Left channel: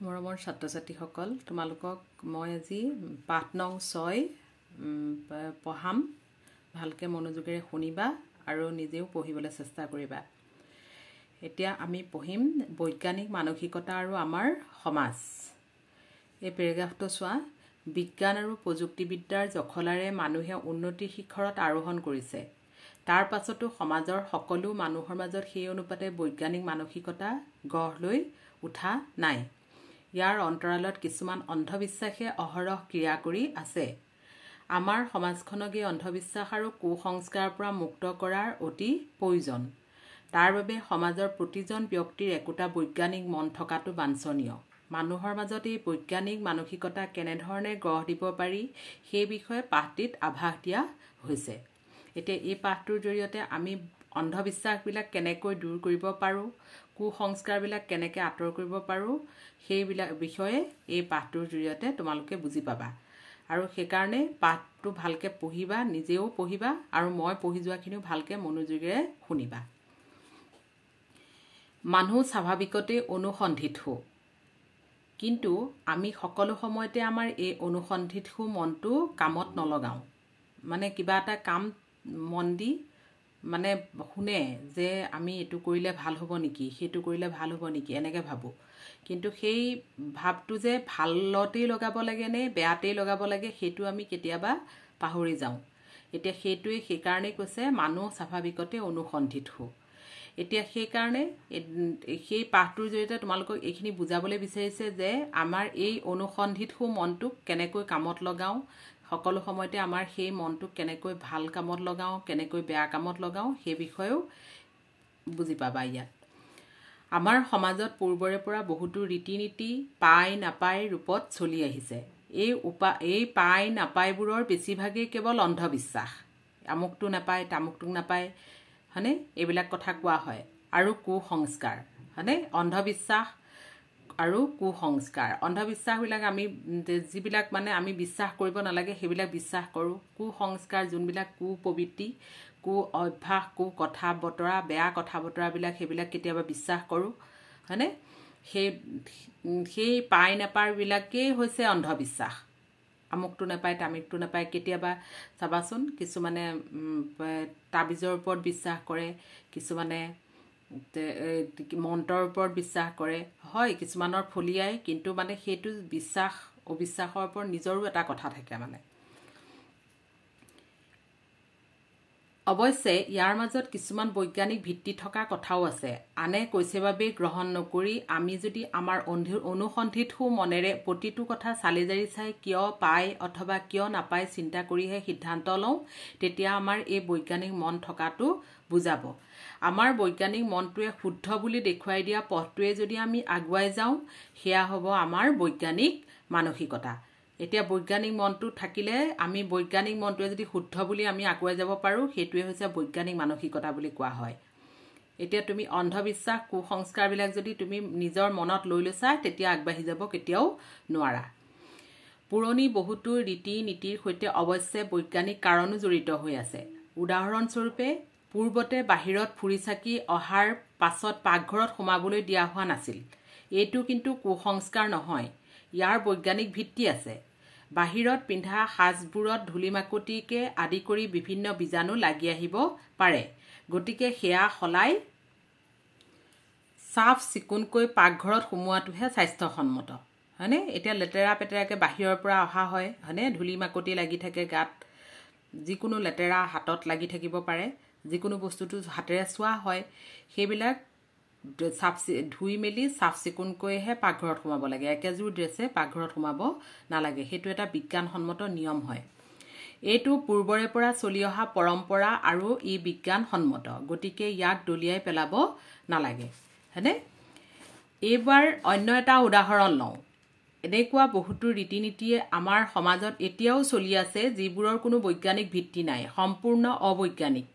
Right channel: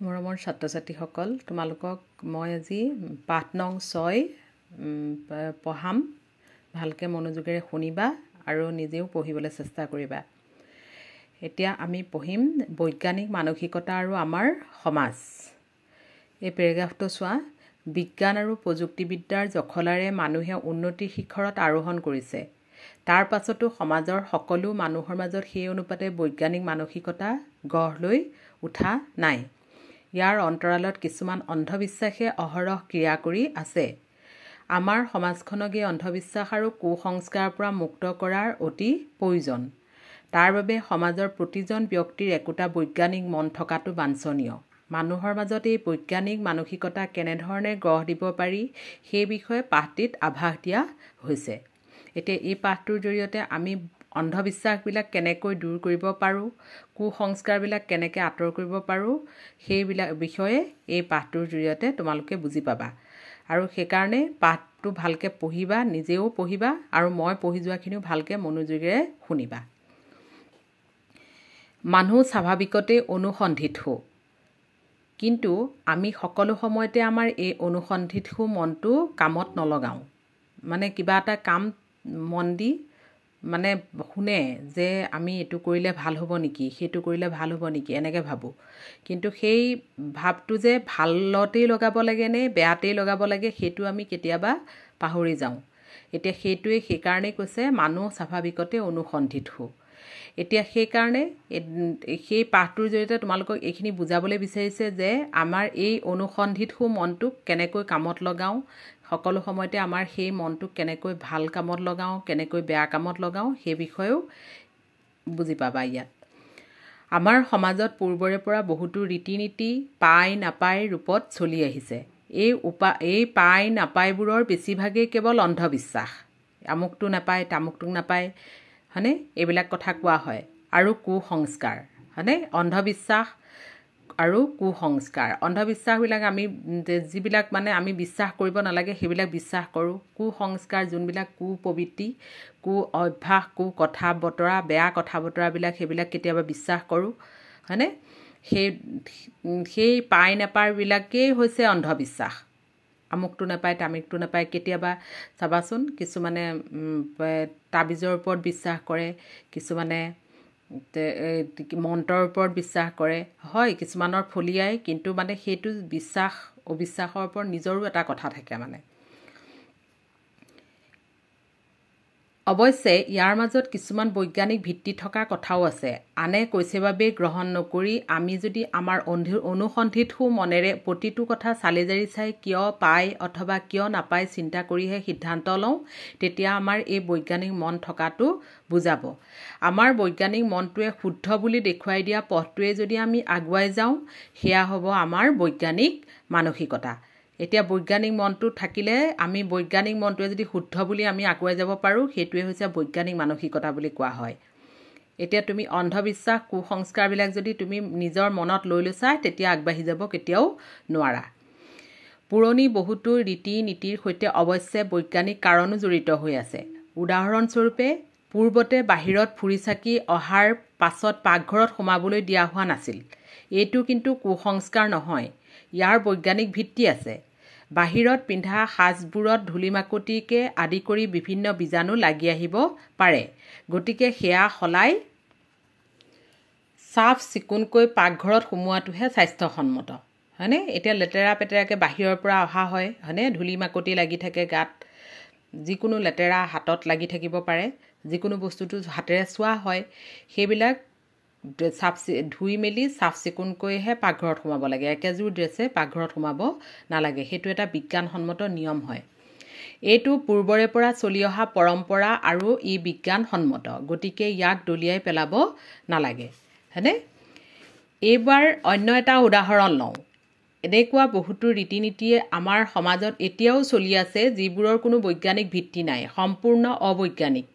মৰমৰ ছাত্ৰ ছাত্ৰীসকল, তোমালোকক মই আজি পাঠ নং 6 পঢ়াম। ভালকৈ মনোযোগেৰে শুনিবা আৰু নিজেও পঢ়িবলৈ চেষ্টা কৰিবা। এতিয়া আমি পঢ়িম বৈজ্ঞানিক মানসিকতা আৰু আমাৰ সমাজ। এই পেৰাগ্ৰাফটো চোৱা। বিজ্ঞান আৰু প্ৰযুক্তিবিদ্যাৰ জখলাৰে মানুহে উন্নতিৰ শিখৰত আৰোহণ কৰিছে। তাৰ পাছতো সমাজৰ সকলো মানুহৰ মাজত সেই অনুপাতে বৈজ্ঞানিক মানসিকতা গঢ় লৈ উঠা নাই। ইয়াৰ অন্তৰালত কিছুমান অন্ধবিশ্বাসে অহৰহ ক্ৰিয়া কৰি আছে। আমাৰ সমাজখনক এই অন্ধবিশ্বাস আৰু কুসংস্কাৰৰ পৰা মুক্ত কৰাৰ অতি প্ৰয়োজন। তাৰ বাবে সমাজৰ প্ৰতিজন ব্যক্তিৰ একোটা বৈজ্ঞানিক মন থকাটো বাঞ্ছনীয়। মানুহৰ মাজত এই বৈজ্ঞানিক মানসিকতা কেনেধৰণে গঢ় দিব পাৰি সেই বিষয়ে পাঠটিত আভাস দিয়া হৈছে। এতিয়া এই পাঠটোৰ জৰিয়তে আমি অন্ধবিশ্বাসবিলাক কেনেকৈ দূৰ কৰিব পাৰোঁ, কুসংস্কাৰবিলাক কেনেকৈ আঁতৰ কৰিব পাৰোঁ সেইবিলাক বিষয়ে এই পাঠটোৰ জৰিয়তে তোমালোকে বুজি পাবা। আৰু সেইকাৰণে পাঠটো ভালকৈ পঢ়িবা, নিজেও পঢ়িবা আৰু মই পঢ়ি যোৱাখিনিও ভালকৈ মনোযোগেৰে শুনিবা। মানুহ স্বাভাৱিকতে অনুসন্ধিৎসু, কিন্তু আমি সকলো সময়তে আমাৰ এই অনুসন্ধিৎসু মনটো কামত নলগাওঁ। মানে কিবা এটা কাম মন দি মানে শুনে যে আমি এইটো কৰিলে ভাল হ'ব নেকি, সেইটো কৰিলে ভাল হ'ব নেকি, এনেকৈ ভাবোঁ। কিন্তু সেই ভাৱটো যে ভালতেই লগাব লাগে নে বেয়াতেই লগাব লাগে সেইটো আমি কেতিয়াবা পাহৰি যাওঁ। এতিয়া সেইকাৰণেই কৈছে মানুহ স্বাভাৱিকতে অনুসন্ধিৎসু। এতিয়া সেইকাৰণে সেই পাঠটোৰ জৰিয়তে তোমালোকক এইখিনি বুজাবলৈ বিচাৰিছে যে আমাৰ এই অনুসন্ধিৎসু মনটোক কেনেকৈ কামত লগাওঁ, সকলো সময়তে আমাৰ সেই মনটোক কেনেকৈ ভাল কামত লগাওঁ, কেনেকৈ বেয়া কামত লগাওঁ সেই বিষয়েও বুজি পাবা ইয়াত। আমাৰ সমাজত পূৰ্বৰে পৰা বহুতো ৰীতি নীতি পাই নাপাই ৰূপত চলি আহিছে। এই পাই নাপায়বোৰৰ বেছিভাগেই কেৱল অন্ধবিশ্বাস। আমুকটো নাপায়, তামুকটোক নাপায়, হয়নে, এইবিলাক কথা কোৱা হয়। আৰু কুসংস্কাৰ, হয়নে, অন্ধবিশ্বাস আৰু কুসংস্কাৰ। অন্ধবিশ্বাসবিলাক আমি যিবিলাক মানে আমি বিশ্বাস কৰিব নালাগে সেইবিলাক বিশ্বাস কৰোঁ। কুসংস্কাৰ যোনবিলাক কুপ্ৰবৃত্তি, কু অভ্যাস, কথা বতৰা, বেয়া কথা বতৰাবিলাক সেইবিলাক কেতিয়াবা বিশ্বাস কৰোঁ, হয়নে। সেই পাই নাপায়বিলাকেই হৈছে অন্ধবিশ্বাস। আমুকটো নাপায়, তামুকটো নাপায়। কেতিয়াবা চাবাচোন কিছুমানে তাবিজৰ ওপৰত বিশ্বাস কৰে, কিছুমানে মন্ত্ৰৰ ওপৰত বিশ্বাস কৰে। হয়, কিছুমানৰ ফলিয়াই, কিন্তু মানে সেইটো বিশ্বাস অবিশ্বাসৰ ওপৰত নিজৰো এটা কথা থাকে মানে। অৱশ্যে ইয়াৰ মাজত কিছুমান বৈজ্ঞানিক ভিত্তি থকা কথাও আছে। আনে কৈছে বাবেই গ্ৰহণ নকৰি আমি যদি আমাৰ অনুসন্ধিৎসু মনেৰে প্ৰতিটো কথা চালি জাৰি চাই কিয় পায় অথবা কিয় নাপায় চিন্তা কৰিহে সিদ্ধান্ত লওঁ, তেতিয়া আমাৰ এই বৈজ্ঞানিক মন থকাটো বুজাব। আমাৰ বৈজ্ঞানিক মনটোৱে শুদ্ধ বুলি দেখুৱাই দিয়া পথটোৱে যদি আমি আগুৱাই যাওঁ, সেয়া হ'ব আমাৰ বৈজ্ঞানিক মানসিকতা। এতিয়া বৈজ্ঞানিক মনটো থাকিলে আমি বৈজ্ঞানিক মনটোৱে যদি শুদ্ধ বুলি আমি আগুৱাই যাব পাৰোঁ, সেইটোৱে হৈছে বৈজ্ঞানিক মানসিকতা বুলি কোৱা হয়। এতিয়া তুমি অন্ধবিশ্বাস কুসংস্কাৰবিলাক যদি তুমি নিজৰ মনত লৈ লৈছা, তেতিয়া আগবাঢ়ি যাব কেতিয়াও নোৱাৰা। পুৰণি বহুতো ৰীতি নীতিৰ সৈতে অৱশ্যে বৈজ্ঞানিক কাৰণো জড়িত হৈ আছে। উদাহৰণস্বৰূপে পূৰ্বতে বাহিৰত ফুৰি চাকি অহাৰ পাছত পাকঘৰত সোমাবলৈ দিয়া হোৱা নাছিল। এইটো কিন্তু কুসংস্কাৰ নহয়, ইয়াৰ বৈজ্ঞানিক ভিত্তি আছে। বাহিৰত পিন্ধা সাজবোৰত ধূলিমাকতিকে আদি কৰি বিভিন্ন বীজাণু লাগি আহিব পাৰে। গতিকে সেয়া সলাই চাফ চিকুণকৈ পাকঘৰত সোমোৱাটোহে স্বাস্থ্যসন্মত, হয়নে। এতিয়া লেতেৰা পেতেৰাকৈ বাহিৰৰ পৰা অহা হয়, হয়নে, ধূলিমাকতি লাগি থাকে গাত, যিকোনো লেতেৰা হাতত লাগি থাকিব পাৰে, যিকোনো বস্তুটো হাতেৰে চোৱা হয়, সেইবিলাক ধুই মেলি চাফ চিকুণকৈহে পাকঘৰত সোমাব লাগে। একেযোৰ ড্ৰেছে পাকঘৰত সোমাব নালাগে। সেইটো এটা বিজ্ঞানসন্মত নিয়ম হয়। এইটো পূৰ্বৰে পৰা চলি অহা পৰম্পৰা আৰু ই বিজ্ঞানসন্মত, গতিকে ইয়াক দলিয়াই পেলাব নালাগে, হয়নে। এইবাৰ অন্য এটা উদাহৰণ লওঁ। এনেকুৱা বহুতো ৰীতি নীতিয়ে আমাৰ সমাজত এতিয়াও চলি আছে যিবোৰৰ কোনো বৈজ্ঞানিক ভিত্তি নাই, সম্পূৰ্ণ অবৈজ্ঞানিক।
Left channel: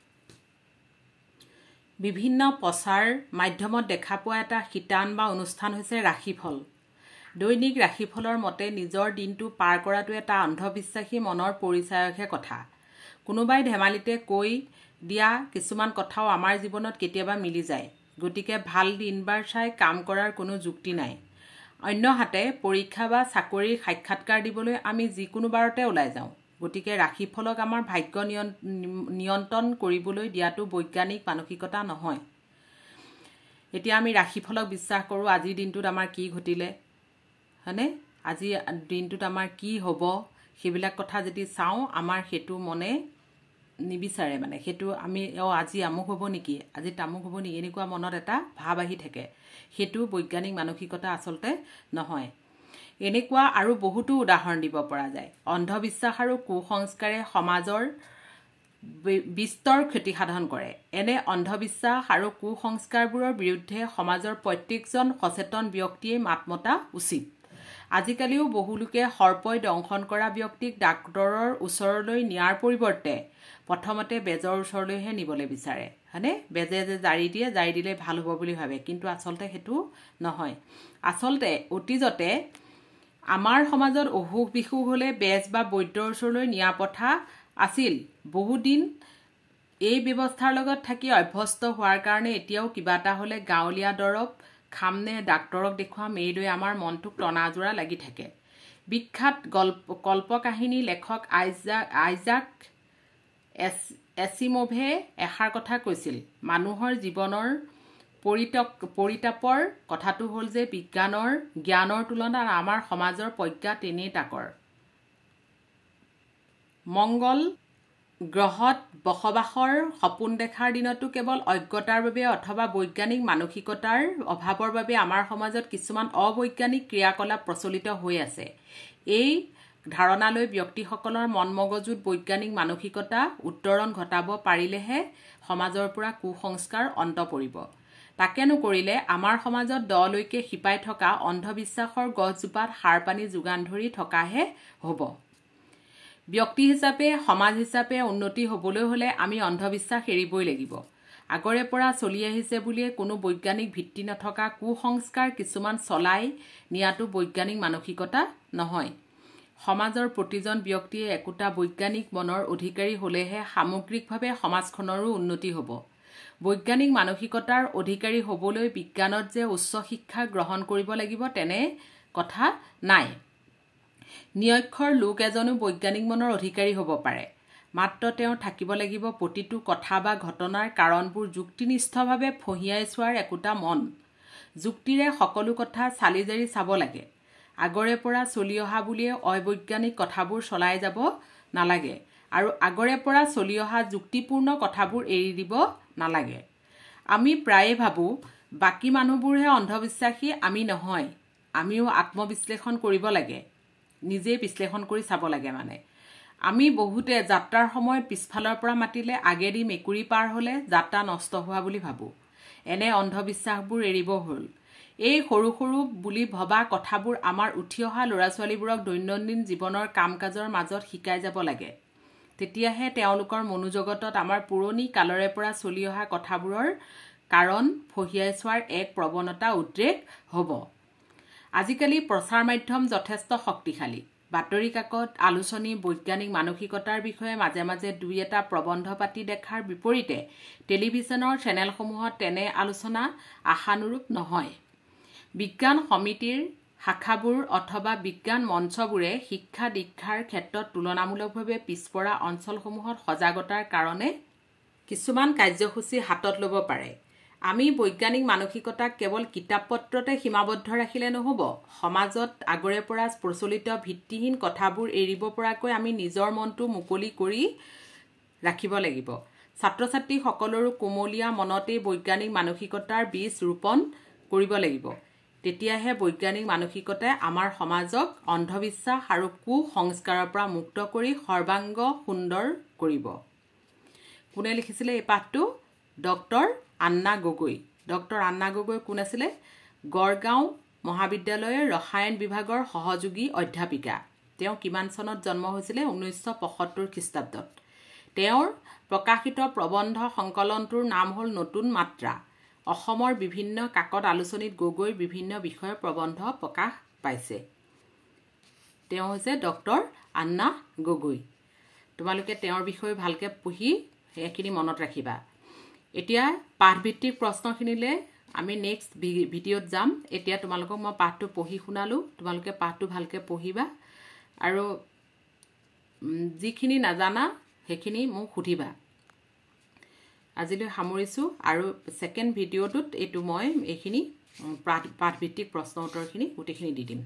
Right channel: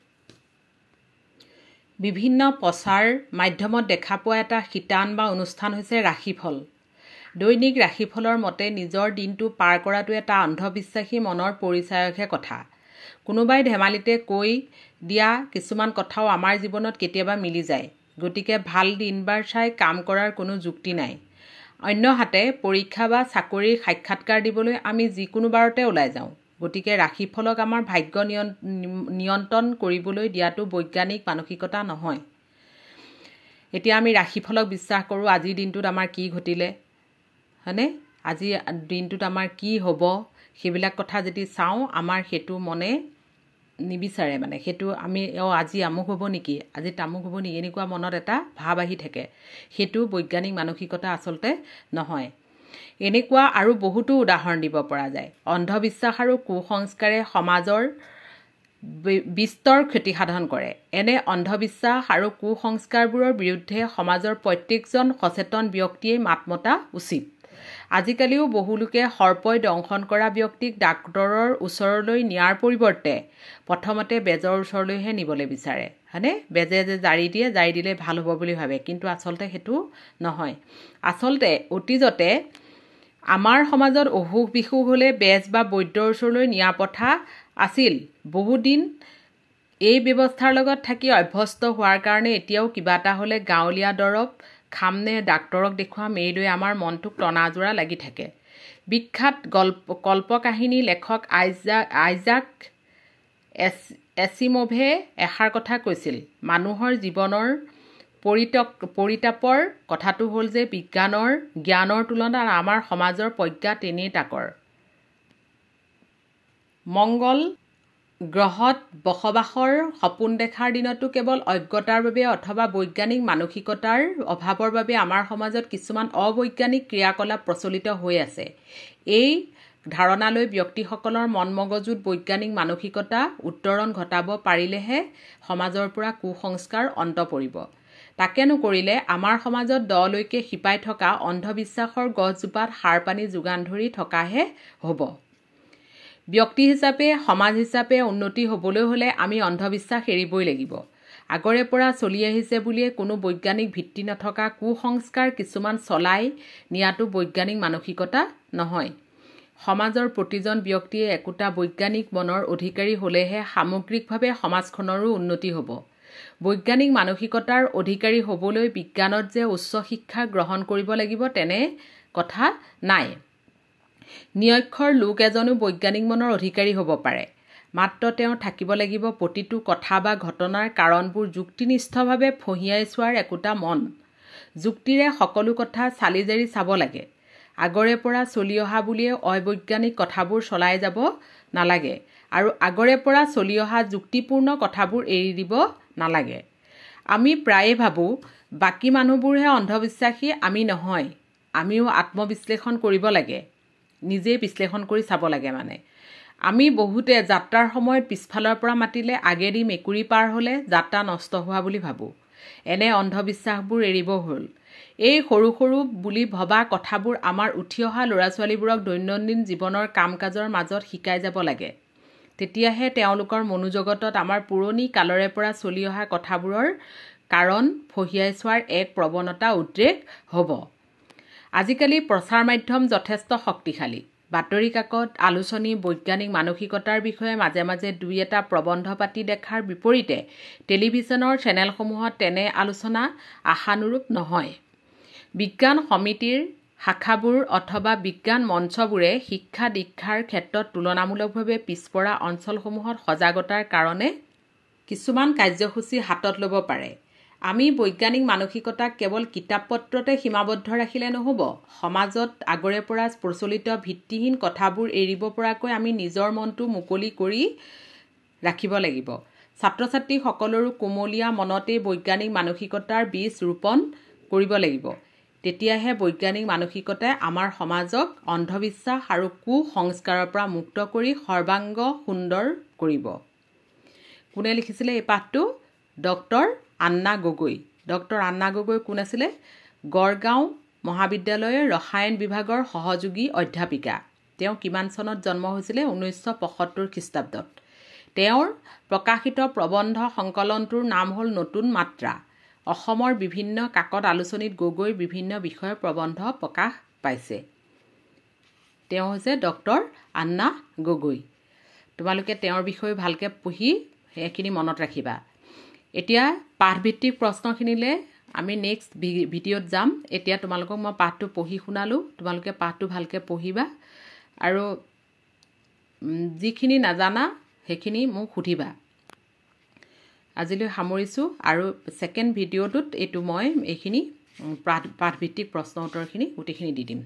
বিভিন্ন প্ৰচাৰ মাধ্যমত দেখা পোৱা এটা শিতান বা অনুষ্ঠান হৈছে ৰাশিফল। দৈনিক ৰাশিফলৰ মতে নিজৰ দিনটো পাৰ কৰাটো এটা অন্ধবিশ্বাসী মনৰ পৰিচায়কহে কথা। কোনোবাই ধেমালিতে কৈ দিয়া কিছুমান কথাও আমাৰ জীৱনত কেতিয়াবা মিলি যায়। গতিকে ভাল দিন বাৰ চাই কাম কৰাৰ কোনো যুক্তি নাই। অন্যহাতে পৰীক্ষা বা চাকৰিৰ সাক্ষাৎকাৰ দিবলৈ আমি যিকোনো বাৰতে ওলাই যাওঁ। গতিকে ৰাশিফলক আমাৰ ভাগ্য নিয়ন্ত্ৰণ কৰিবলৈ দিয়াটো বৈজ্ঞানিক মানসিকতা নহয়। এতিয়া আমি ৰাশিফলক বিশ্বাস কৰোঁ, আজিৰ দিনটোত আমাৰ কি ঘটিলে, হয়নে, আজি দিনটোত আমাৰ কি হ'ব, সেইবিলাক কথা যদি চাওঁ, আমাৰ সেইটো মনে নিবিচাৰে, মানে সেইটো আমি আজি আমুক হ'ব নেকি, আজি তামুক হ'ব নেকি, এনেকুৱা মনত এটা ভাৱ আহি থাকে। সেইটো বৈজ্ঞানিক মানসিকতা আচলতে নহয়। এনেকুৱা আৰু বহুতো উদাহৰণ দিব পৰা যায়। অন্ধবিশ্বাস আৰু কুসংস্কাৰে সমাজৰ বিস্তৰ ক্ষতি সাধন কৰে। এনে অন্ধবিশ্বাস আৰু কুসংস্কাৰবোৰৰ বিৰুদ্ধে সমাজৰ প্ৰত্যেকজন সচেতন ব্যক্তিয়ে মাত মতা উচিত। আজিকালিও বহু লোকে সৰ্পই দংশন কৰা ব্যক্তিক ডাক্তৰৰ ওচৰলৈ নিয়াৰ পৰিৱৰ্তে প্ৰথমতে বেজৰ ওচৰলৈহে নিবলৈ বিচাৰে, হয়নে, বেজে যে জাৰি দিয়ে, জাৰি দিলে ভাল হ'ব বুলি ভাবে, কিন্তু আচলতে সেইটো নহয়। আচলতে অতীজতে আমাৰ সমাজত অসুখ বিসুখ হ'লে বেজ বা বৈদ্যৰ ওচৰলৈ নিয়া প্ৰথা আছিল। বহুদিন এই ব্যৱস্থাৰ লগত থাকি অভ্যস্ত হোৱাৰ কাৰণে এতিয়াও কিবা এটা হ'লে গাঁৱলীয়া দৰৱ খামনে ডাক্তৰক দেখুৱাম এইলৈ আমাৰ মনটোক টনাজোৰা লাগি থাকে। বিখ্যাত কল্পকাহিনী লেখক আইজাক এছিমভে এষাৰ কথা কৈছিল, মানুহৰ জীৱনৰ পৰিতাপৰ কথাটো হ'ল যে জ্ঞানৰ তুলনাত আমাৰ সমাজৰ প্ৰজ্ঞা তেনেই তাকৰ। মংগল গ্ৰহত বসবাসৰ সপোন দেখাৰ দিনতো কেৱল অজ্ঞতাৰ বাবে অথবা বৈজ্ঞানিক মানসিকতাৰ অভাৱৰ বাবে আমাৰ সমাজত কিছুমান অবৈজ্ঞানিক ক্ৰিয়াকলাপ প্ৰচলিত হৈ আছে। এই ধাৰণালৈ ব্যক্তিসকলৰ মন মগজুত বৈজ্ঞানিক মানসিকতা উত্তৰণ ঘটাব পাৰিলেহে সমাজৰ পৰা কুসংস্কাৰ অন্ত পৰিব। তাকে নকৰিলে আমাৰ সমাজত দলৈকে শিপাই থকা অন্ধবিশ্বাসৰ গছজোপাত সাৰ পানী যোগান ধৰি থকাহে হ'ব। ব্যক্তি হিচাপে, সমাজ হিচাপে উন্নতি হ'বলৈ হ'লে আমি অন্ধবিশ্বাস এৰিবই লাগিব। আগৰে পৰা চলি আহিছে বুলিয়ে কোনো বৈজ্ঞানিক ভিত্তি নথকা কুসংস্কাৰ কিছুমান চলাই নিয়াটো বৈজ্ঞানিক মানসিকতা নহয়। সমাজৰ প্ৰতিজন ব্যক্তিয়ে একোটা বৈজ্ঞানিক মনৰ অধিকাৰী হ'লেহে সামগ্ৰিকভাৱে সমাজখনৰো উন্নতি হ'ব। বৈজ্ঞানিক মানসিকতাৰ অধিকাৰী হ'বলৈ বিজ্ঞানত যে উচ্চ শিক্ষা গ্ৰহণ কৰিব লাগিব তেনে কথা নাই। নিৰক্ষৰ লোক এজনো বৈজ্ঞানিক মনৰ অধিকাৰী হ'ব পাৰে, মাত্ৰ তেওঁ থাকিব লাগিব প্ৰতিটো কথা বা ঘটনাৰ কাৰণবোৰ যুক্তিনিষ্ঠভাৱে ফঁহিয়াই চোৱাৰ একোটা মন। যুক্তিৰে সকলো কথা চালি জাৰি চাব লাগে। আগৰে পৰা চলি অহা বুলিয়ে অবৈজ্ঞানিক কথাবোৰ চলাই যাব নালাগে আৰু আগৰে পৰা চলি অহা যুক্তিপূৰ্ণ কথাবোৰ এৰি দিব নালাগে। আমি প্ৰায়ে ভাবোঁ বাকী মানুহবোৰহে অন্ধবিশ্বাসী, আমি নহয়। আমিও আত্মবিশ্লেষণ কৰিব লাগে, নিজেই বিশ্লেষণ কৰি চাব লাগে। মানে আমি বহুতে যাত্ৰাৰ সময়ত পিছফালৰ পৰা মাতিলে আগেদি মেকুৰী পাৰ হ'লে যাত্ৰা নষ্ট হোৱা বুলি ভাবোঁ। এনে অন্ধবিশ্বাসবোৰ এৰিব হ'ল। এই সৰু সৰু বুলি ভবা কথাবোৰ আমাৰ উঠি অহা ল'ৰা ছোৱালীবোৰক দৈনন্দিন জীৱনৰ কাম কাজৰ মাজত শিকাই যাব লাগে। তেতিয়াহে তেওঁলোকৰ মনোজগতত আমাৰ পুৰণি কালৰে পৰা চলি অহা কথাবোৰৰ কাৰণ ফঁহিয়াই চোৱাৰ এক প্ৰৱণতা উদ্ৰেক হ'ব। আজিকালি প্ৰচাৰ মাধ্যম যথেষ্ট শক্তিশালী। বাতৰি কাকত, আলোচনী বৈজ্ঞানিক মানসিকতাৰ বিষয়ে মাজে মাজে দুই এটা প্ৰবন্ধ পাতি দেখাৰ বিপৰীতে টেলিভিছনৰ চেনেলসমূহত তেনে আলোচনা আশানুৰূপ নহয়। বিজ্ঞান সমিতিৰ শাখাবোৰ অথবা বিজ্ঞান মঞ্চবোৰে শিক্ষা দীক্ষাৰ ক্ষেত্ৰত তুলনামূলকভাৱে পিছপৰা অঞ্চলসমূহত সজাগতাৰ কাৰণে কিছুমান কাৰ্যসূচী হাতত ল'ব পাৰে। আমি বৈজ্ঞানিক মানসিকতাক কেৱল কিতাপ পত্ৰতে সীমাবদ্ধ ৰাখিলে নহ'ব। সমাজত আগৰে পৰা প্ৰচলিত ভিত্তিহীন কথাবোৰ এৰিব পৰাকৈ আমি নিজৰ মনটো মুকলি কৰি ৰাখিব লাগিব। ছাত্ৰ ছাত্ৰীসকলৰো কোমলীয়া মনতেই বৈজ্ঞানিক মানসিকতাৰ বীজ ৰোপণ কৰিব লাগিব। তেতিয়াহে বৈজ্ঞানিক মানসিকতাই আমাৰ সমাজক অন্ধবিশ্বাস আৰু কুসংস্কাৰৰ পৰা মুক্ত কৰি সৰ্বাংগ সুন্দৰ কৰিব। কোনে লিখিছিলে এই পাঠটো? ডক্টৰ আন্না গগৈ। ডক্টৰ আন্না গগৈ কোন আছিলে? গড়গাঁও মহাবিদ্যালয়ৰ ৰসায়ন বিভাগৰ সহযোগী অধ্যাপিকা। তেওঁ কিমান চনত জন্ম হৈছিলে? 1975 খ্ৰীষ্টাব্দত। তেওঁৰ প্ৰকাশিত প্ৰবন্ধ সংকলনটোৰ নাম হ'ল নতুন মাত্ৰা। অসমৰ বিভিন্ন কাকত আলোচনীত গগৈৰ বিভিন্ন বিষয়ৰ প্ৰবন্ধ প্ৰকাশ পাইছে। তেওঁ হৈছে ডক্টৰ আন্না গগৈ। তোমালোকে তেওঁৰ বিষয়ে ভালকৈ পঢ়ি সেইখিনি মনত ৰাখিবা। এতিয়া পাঠভিত্তিক প্ৰশ্নখিনিলৈ আমি নেক্সট ভিডিঅ'ত যাম এতিয়া তোমালোকক মই পাঠটো পঢ়ি শুনালোঁ তোমালোকে পাঠটো ভালকৈ পঢ়িবা আৰু যিখিনি নাজানা সেইখিনি মোক সুধিবা আজিলৈ সামৰিছোঁ আৰু সেকেন্ড ভিডিঅ'টোত এইটো মই এইখিনি পাঠভিত্তিক প্ৰশ্ন উত্তৰখিনি গোটেইখিনি দি দিম